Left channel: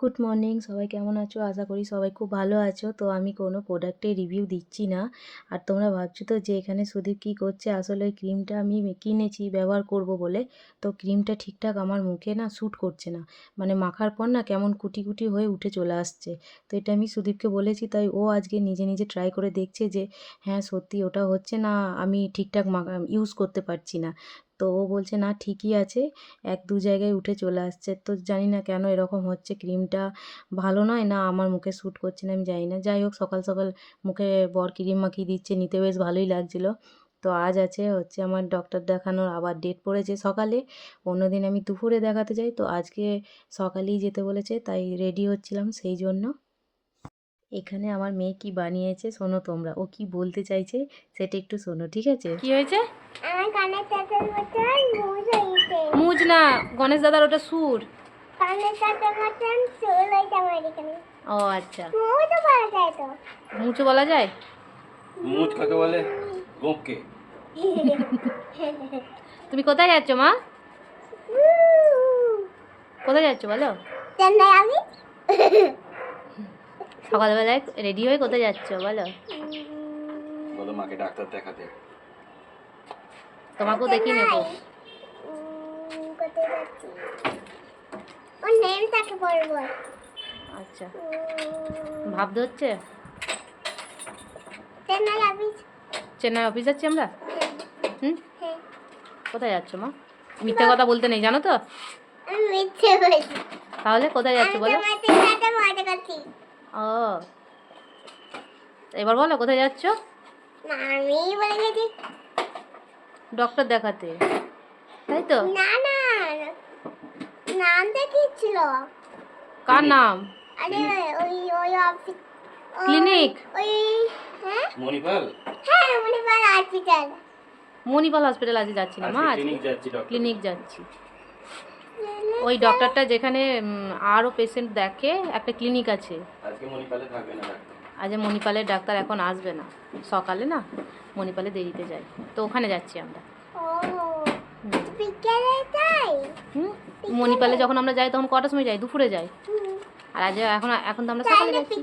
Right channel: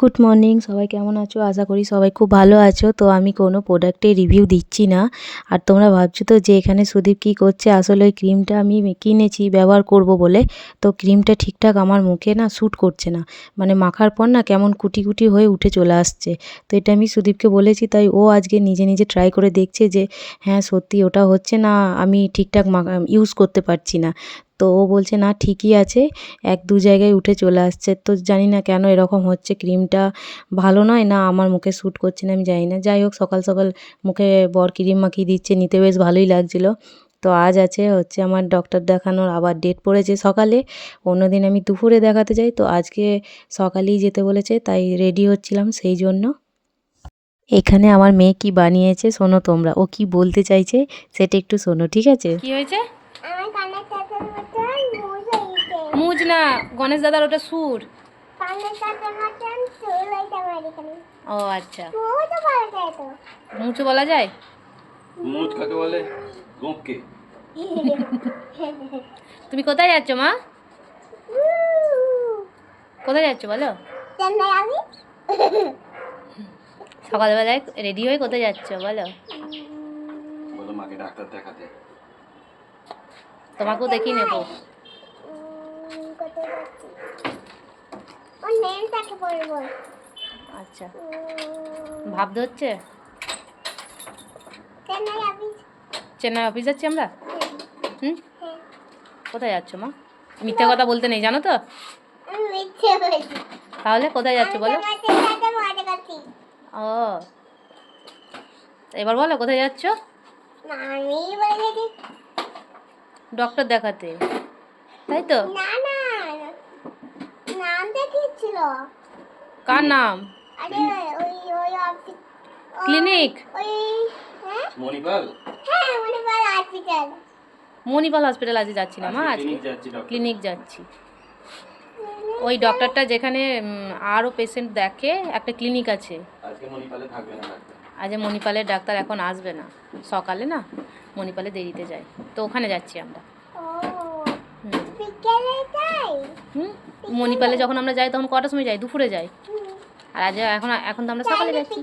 Good morning সবাই কেমন আছো? আশা করি সবাই খুব ভালো আছো। তো আমি কোনো প্রোডাক্টের রিভিউ দিচ্ছি না। আর তোমরা ভাবছ তো যে এখানে সুদীপ কী করছে? আসলে ওই ক্রিমটা আমি কিনেছি, ব্যবহার করব বলে। তো ক্রিমটা ঠিকঠাক আমার মুখে না শ্যুট করছে না। মানে মাখার পর না কেমন কুটি কুটি হয়ে উঠে চলে আসছে। তো এটা আমি সুদীপকে বলেছি, তাই ও আজকে নিজে নিজে ট্রাই করে দেখছে যে হ্যাঁ সত্যি ওটা হচ্ছে না, আমি ঠিকঠাক ইউজ করতে পারছি না। তো ও বলছে, না, ঠিকই আছে। এক দু জায়গায় উঠে চলে আসছে। তো জানি না কেন এরকম হচ্ছে। ক্রিমটা ভালো নয় না আমার মুখে শ্যুট করছে না আমি জানি না। যাই হোক, সকাল সকাল মুখে বর ক্রিম মাখিয়ে দিচ্ছে। নিতে বেশ ভালোই লাগছিল। তো আজ আছে হচ্ছে আমার ডক্টর দেখানোর আবার ডেট পড়েছে সকালে। অন্যদিন আমি দুপুরে দেখাতে যাই। তো আজকে সকালেই যেতে বলেছে, তাই রেডি হচ্ছিলাম সেই জন্য। এখানে আমার মেয়ে কি বানিয়েছে, শোনো তোমরা। ও কি বলতে চাইছে, সেটা একটু শোনো, ঠিক আছে? কি হয়েছে? মুজ না গণেশ দাদার ওটা সুর। ও আচ্ছা। মুচু বলা যায় মুচ কাকে বলে? গোপকে। তুমি কোথায় যাচ্ছ মা? কোথায় যাচ্ছ বলো? সকালবেলায় রেডি হয়ে কোথায় যাচ্ছ বলো? বলো মাকে ডাক্তার দেখাতে। তোমাকেও দেখিয়ে নেব। আচ্ছা। উম, ভাব ধরছে চেন্নাই অফিস যাচ্ছি আমরা? হুম? হ্যাঁ। কোথায় যাচ্ছ মা? মিথ্যে কথা বলতে নেই জানো তো? মিথ্যে তাহলে কোথায় যাচ্ছ বলো? ও। এবার বলো কোথায় যাচ্ছ? ডক্টর দেখাতে। তাই তো? না না নাম দেখিয়েছিল। কার নাম? আরে ওই ওই অফিস ক্লিনিক? ওই হ্যাঁ? মণিপাল। হ্যাঁ মণিপাল হসপিটাল মণিপাল হসপিটাল আজকে যাচ্ছি না মা? আজকে ক্লিনিক যাচ্ছি। ওই ডক্টরটা যেখানে আরও পেশেন্ট দেখে একটা ক্লিনিক আছে। আজকে মণিপালে থাকবে না আজ মণিপালের ডাক্তার এখন আসবে না। সকালে না মণিপালে দেরিতে যাই তো ওখানে যাচ্ছি আমরা। হুম। মণিপালে যখন আমরা যাই তখন কটার সময় যাই? দুপুরে যাই। আর আজ এখন এখন তো আমরা সকালে যাচ্ছি।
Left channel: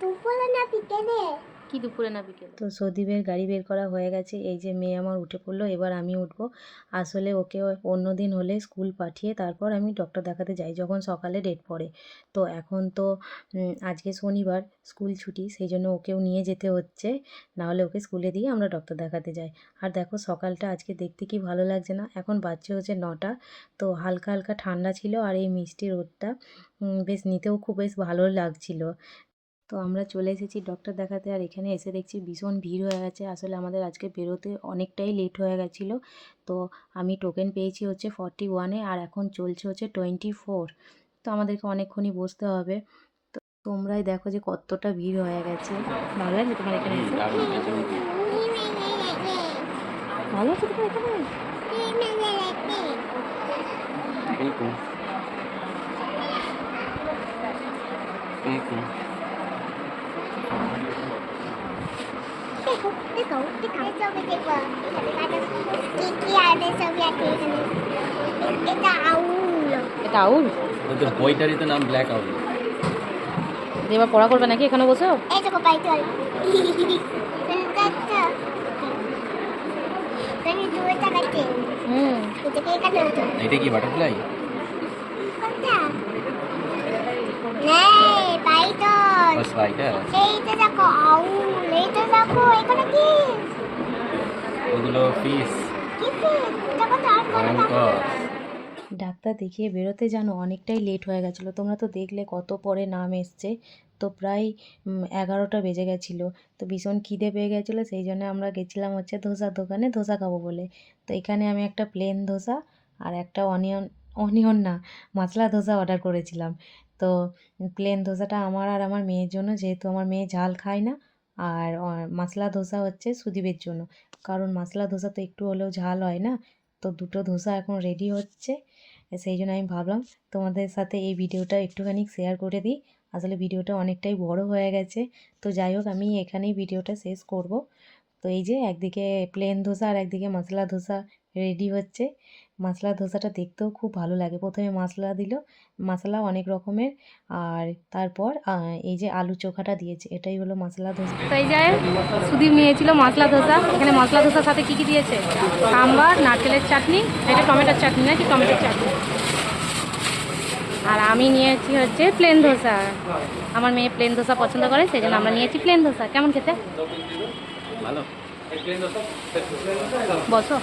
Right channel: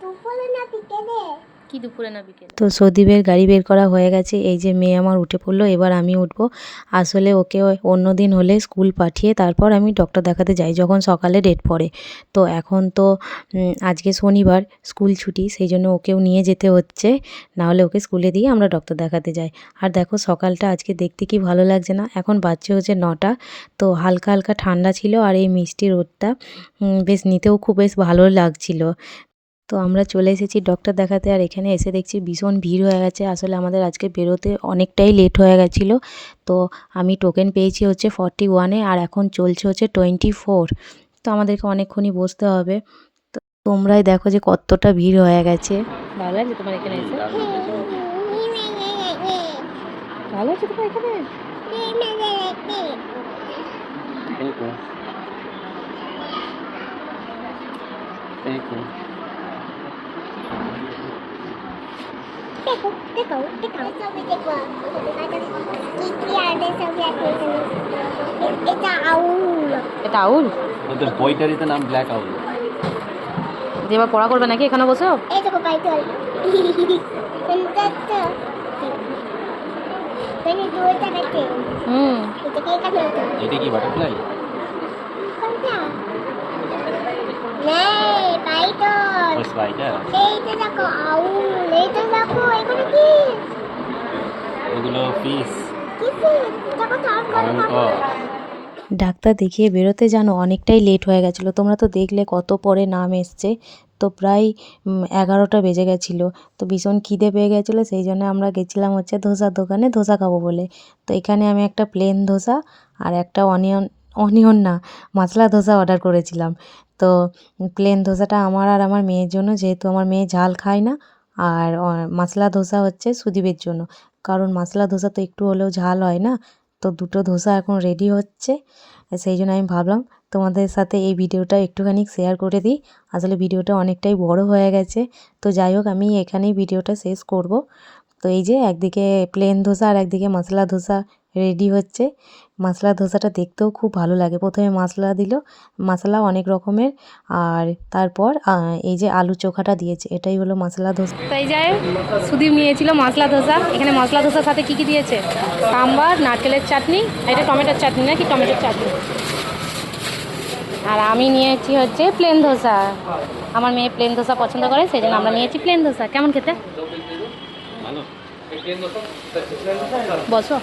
দুপুরে না বিকেলে? কি দুপুরে না বিকেলে? তো সদীপের গাড়ি বের করা হয়ে গেছে। এই যে মেয়ে আমার উঠে পড়ল, এবার আমি উঠবো। আসলে ওকে অন্য দিন হলে স্কুল পাঠিয়ে তারপর আমি ডক্টর দেখাতে যাই, যখন সকালে ডেট পড়ে। তো এখন তো আজকে শনিবার স্কুল ছুটি, সেই জন্য ওকেও নিয়ে যেতে হচ্ছে। নাহলে ওকে স্কুলে দিয়ে আমরা ডক্টর দেখাতে যাই। আর দেখো, সকালটা আজকে দেখতে কি ভালো লাগছে না? এখন বাচ্চা হচ্ছে নটা। তো হালকা হালকা ঠান্ডা ছিল আর এই মিষ্টি রোদটা বেশ নিতেও খুব বেশ ভালো লাগছিল। তো আমরা চলে এসেছি ডক্টর দেখাতে আর এখানে এসে দেখছি ভীষণ ভিড় হয়ে গেছে। আসলে আমাদের আজকে বেরোতে অনেকটাই লেট হয়ে গেছিল। তো আমি টোকেন পেয়েছি হচ্ছে ফর্টি ওয়ানে আর এখন চলছে হচ্ছে টোয়েন্টি ফোর তো আমাদেরকে অনেকক্ষণই বসতে হবে। তো তোমরাই দেখো যে কতটা ভিড় হয়ে গেছে। ভালো লাগছে তোমার এখানে এসে? ভালো আছে তোমার এখানে? এরকম এরকম দেখো দেখো দেখো ছবি দেখো কি কি আনে ছবি আছে এখানে এটা আউল। এটা আউল ওদের বইটারই তো নাম ব্ল্যাক আউল। এবার পড়া করবে নাকি এখানে বসেও এই দেখো তাকাচ্ছে হুম। এটা কি বাটারফ্লাই কোনটা নেই এইটা দেখো আউল এইটা দেখো এখানে কি? ওগুলো ফিস কি ফিস দেখো তার করে ডাক্তার দেখিয়ে বেরোতে জানো অনেকটাই লেট হয়ে গেছিল। তোমরা তো দেখলে কত পরে নাম এসছে। তো প্রায় এগারোটা বেজে গেছিল। তো ভীষণ খিদে পেয়ে গেছিল সেই জন্য আমরা গেছিলাম হচ্ছে ধোসার দোকানে ধোসা খাব বলে। তো এখানে আমি একটা প্লেন ধোসা আর একটা অনিয়ন অনিয়ন না মশলা ধোসা অর্ডার করেছিলাম। তো প্লেন ধোসাটা আমার আর আমার মেয়ের জন্য, যেহেতু আমার মেয়ে ঝাল খায় না, আর মশলা ধোসা হচ্ছে সুদীপের জন্য। কারণ মশলা ধোসা তো একটু হলেও ঝাল হয় না, তো দুটো ধোসা এখন রেডি হচ্ছে। সেই জন্য আমি ভাবলাম তোমাদের সাথে এই ভিডিওটা একটুখানি শেয়ার করে দিই। আসলে ভিডিওটা অনেকটাই বড় হয়ে গেছে, তো যাই হোক আমি এখানেই ভিডিওটা শেষ করব। তো এই যে একদিকে প্লেন ধোসা আর একদিকে মশলা ধোসা রেডি হচ্ছে। মশলা ধোসাটা দেখতেও খুব ভালো লাগে। প্রথমে মশলা দিল মশলা অনেক রকমের। আর তারপর এই যে আলু চোখাটা দিয়েছে এটাই হলো মশলা ধোসা। তাই যায় সুদীপ নিয়েছিল মশলা ধোসা। এখানে মশলা ধোসার সাথে কী কী দিয়েছে? সাম্বার নারকেলের চাটনি এটা টমেটোর চাটনি নাকি টমেটোর চাটনি? আর আমি নিয়েছি হচ্ছে প্লেন ধোসা। আমার মেয়ে প্লেন ধোসা পছন্দ করে সেই জন্য আমরা নিয়েছি প্লেন ধোসা। কেমন খেতে? বসো।